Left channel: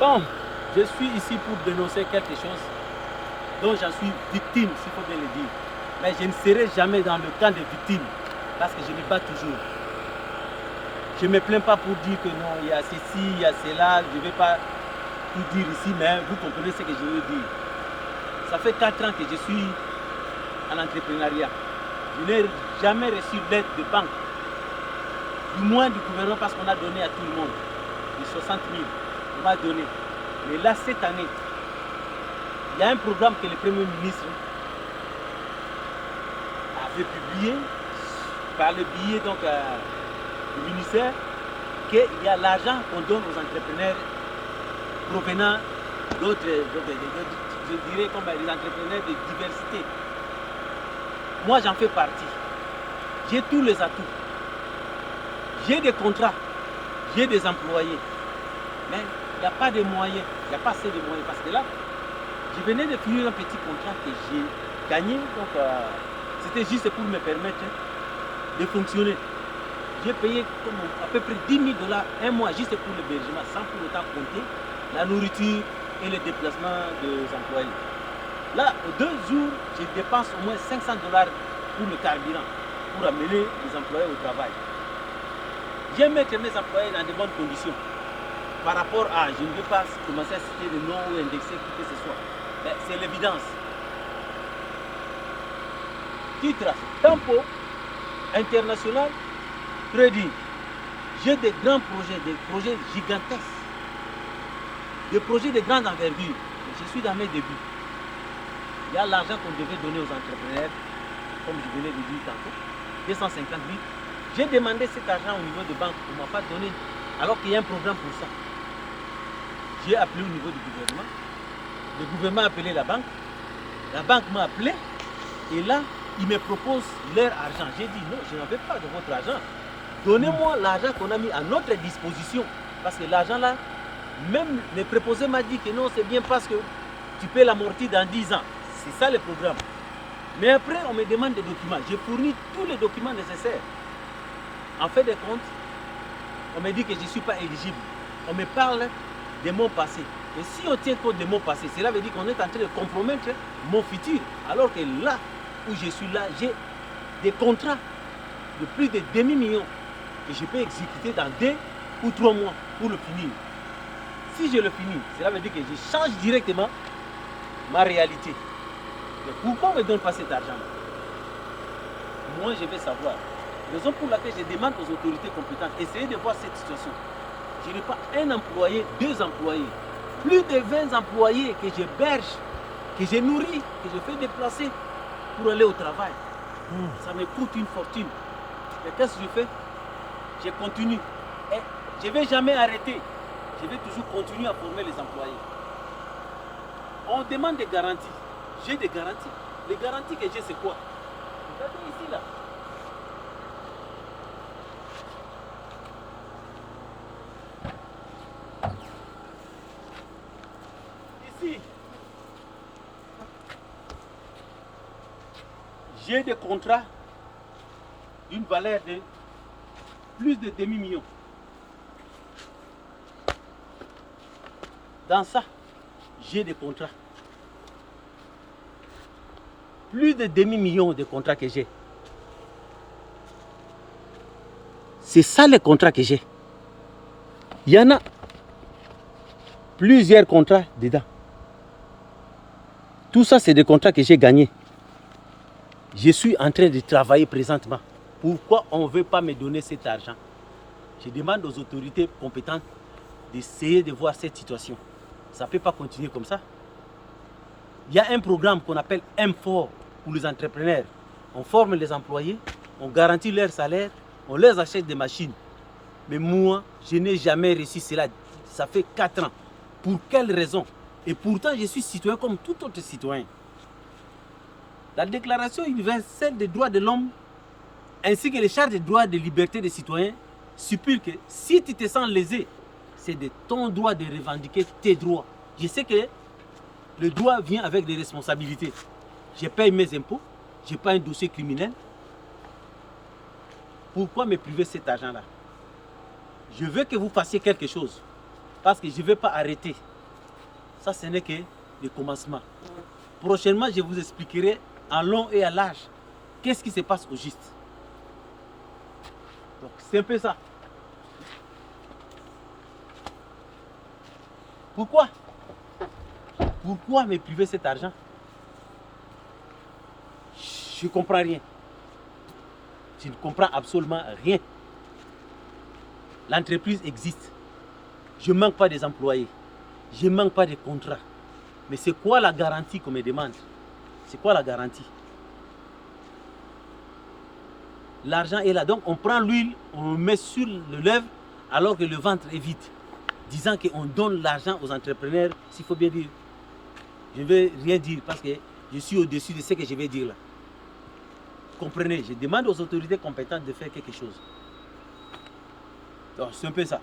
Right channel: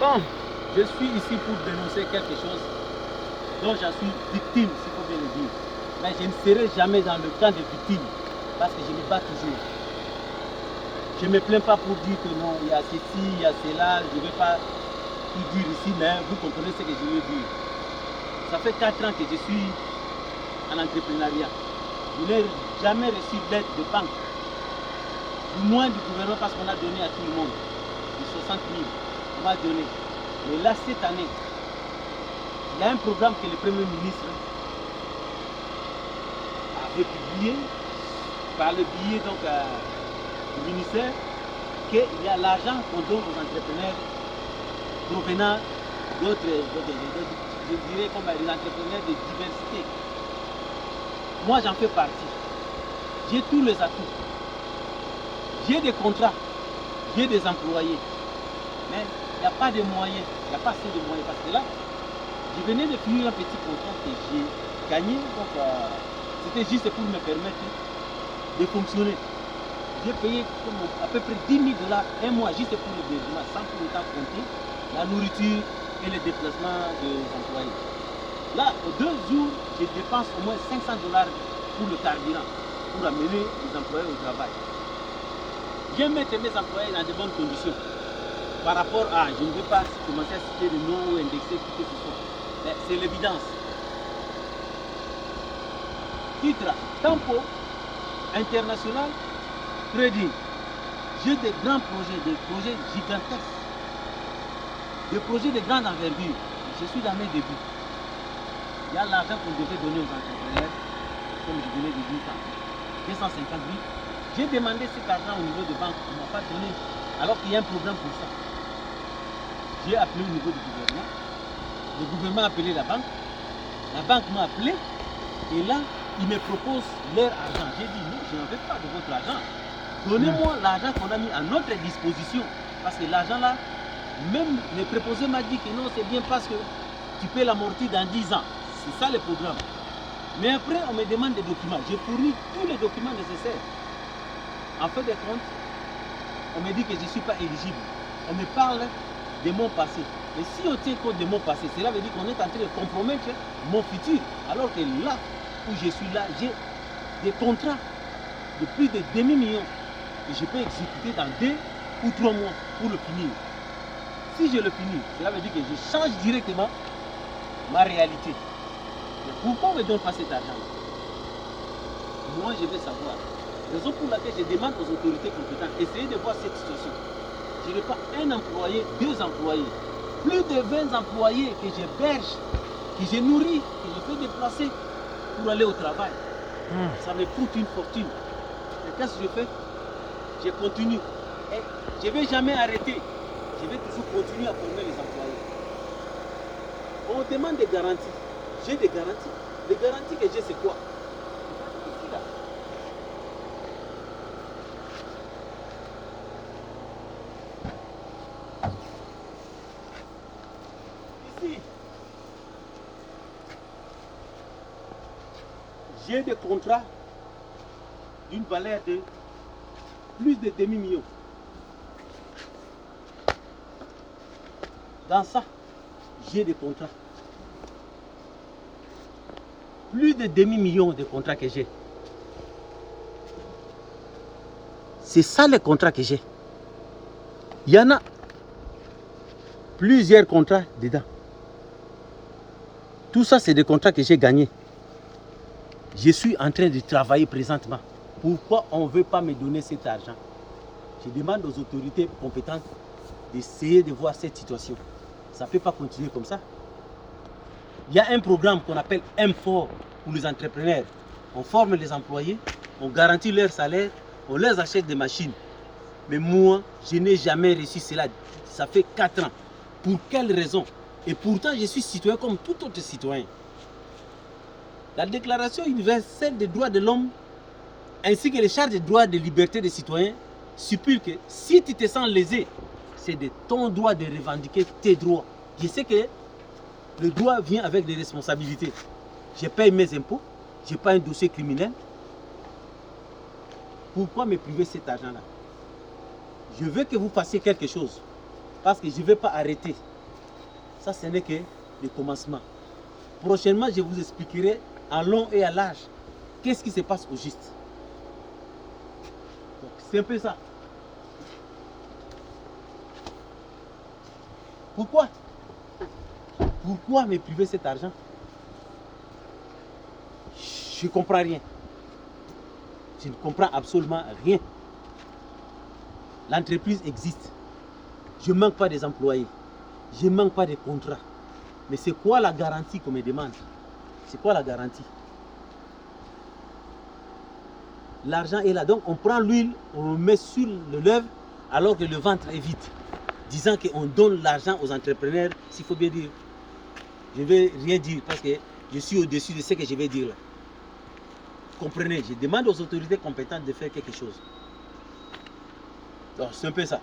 Bon, je suis ici pour dénoncer quelque chose dont j'en suis victime, s'il faut bien le dire. Mais je ne serai jamais dans le camp des victimes parce que je me bats toujours. Je ne me plains pas pour dire que non, il y a ceci, il y a cela, je ne vais pas tout dire ici, mais vous comprenez ce que je veux dire. Ça fait 4 ans que je suis en entrepreneuriat. Je n'ai jamais reçu d'aide de banque, du moins du gouvernement parce qu'on a donné à tout le monde. Du 60 000, on m'a donné. Mais là, cette année, il y a un programme que le Premier ministre avait publié par le biais donc, du ministère, qu'il y a l'argent qu'on donne aux entrepreneurs provenant d'autres, je dirais comme les entrepreneurs de diversité. Moi, j'en fais partie. J'ai tous les atouts. J'ai des contrats, j'ai des employés. Mais il n'y a pas de moyens, il n'y a pas assez de moyens. Parce que là, je venais de finir un petit contrat que j'ai gagné. Donc, c'était juste pour me permettre de fonctionner. J'ai payé à peu près 10 000 $ un mois juste pour l'hébergement, sans pour autant compter la nourriture et le déplacement des employés. Là, aux 2 jours, je dépense au moins 500 $ pour le carburant, pour amener les employés au travail. J'aime mettre mes employés dans de bonnes conditions. Par rapport à, je ne vais pas commencer à citer le nom ou indexer qui que ce soit. Mais c'est l'évidence. Titre, tempo, international, trading. J'ai des grands projets, des projets gigantesques. Des projets de grande envergure. Je suis dans mes débuts. Il y a l'argent qu'on devait donner aux entrepreneurs, comme je venais de dire tantôt, 250 000. J'ai demandé cet argent au niveau de banque, on ne m'a pas donné, alors qu'il y a un programme pour ça. J'ai appelé au niveau du gouvernement, le gouvernement a appelé la banque m'a appelé, et là, ils me proposent leur argent. J'ai dit non, je n'en veux pas de votre argent. Donnez-moi l'argent qu'on a mis à notre disposition. Parce que l'argent là, même le préposé m'a dit que non, c'est bien parce que tu peux l'amortir dans 10 ans. C'est ça le programme. Mais après, on me demande des documents. J'ai fourni tous les documents nécessaires. En fait de compte, on me dit que je ne suis pas éligible. On me parle de mon passé. Et si on tient compte de mon passé, cela veut dire qu'on est en train de compromettre mon futur. Alors que là où je suis là, j'ai des contrats de plus de demi-million que je peux exécuter dans 2 ou 3 mois pour le finir. Si je le finis, cela veut dire que je change directement ma réalité. Mais pourquoi on ne donne pas cet argent-là? Moi, je vais savoir. Raison pour laquelle je demande aux autorités compétentes, essayez de voir cette situation. Je n'ai pas un employé, 2 employés. Plus de 20 employés que j'héberge, que je nourris, que je fais déplacer pour aller au travail. Ça me coûte une fortune. Et qu'est-ce que je fais? Je continue. Et je ne vais jamais arrêter. Je vais toujours continuer à former les employés. On demande des garanties. J'ai des garanties. Les garanties que j'ai, c'est quoi? Vous avez ici, là. Ici, j'ai des contrats d'une valeur de plus de demi-million. Dans ça, j'ai des contrats. Plus de demi-million de contrats que j'ai. C'est ça les contrats que j'ai. Il y en a plusieurs contrats dedans. Tout ça, c'est des contrats que j'ai gagnés. Je suis en train de travailler présentement. Pourquoi on ne veut pas me donner cet argent? Je demande aux autorités compétentes d'essayer de voir cette situation. Ça ne peut pas continuer comme ça. Il y a un programme qu'on appelle M4 pour les entrepreneurs. On forme les employés, on garantit leur salaire, on leur achète des machines. Mais moi, je n'ai jamais reçu cela. Ça fait 4 ans. Pour quelle raison? Et pourtant, je suis citoyen comme tout autre citoyen. La Déclaration universelle des droits de l'homme, ainsi que les chartes des droits et des libertés des citoyens, stipulent que si tu te sens lésé, c'est de ton droit de revendiquer tes droits. Je sais que le droit vient avec des responsabilités. Je paye mes impôts, je n'ai pas un dossier criminel. Pourquoi me priver cet argent-là? Je veux que vous fassiez quelque chose. Parce que je ne vais pas arrêter. Ça, ce n'est que le commencement. Prochainement, je vous expliquerai en long et à large qu'est-ce qui se passe au juste. Donc, c'est un peu ça. Pourquoi? Pourquoi me priver cet argent? Je ne comprends rien. Je ne comprends absolument rien. L'entreprise existe. Je ne manque pas des employés. Je ne manque pas de contrats. Mais c'est quoi la garantie qu'on me demande? C'est quoi la garantie? L'argent est là. Donc on prend l'huile, on le met sur le lèvre alors que le ventre est vide. Disant qu'on donne l'argent aux entrepreneurs, s'il faut bien dire. Je ne vais rien dire parce que je suis au-dessus de ce que je vais dire là. Comprenez, je demande aux autorités compétentes de faire quelque chose. Donc c'est un peu ça.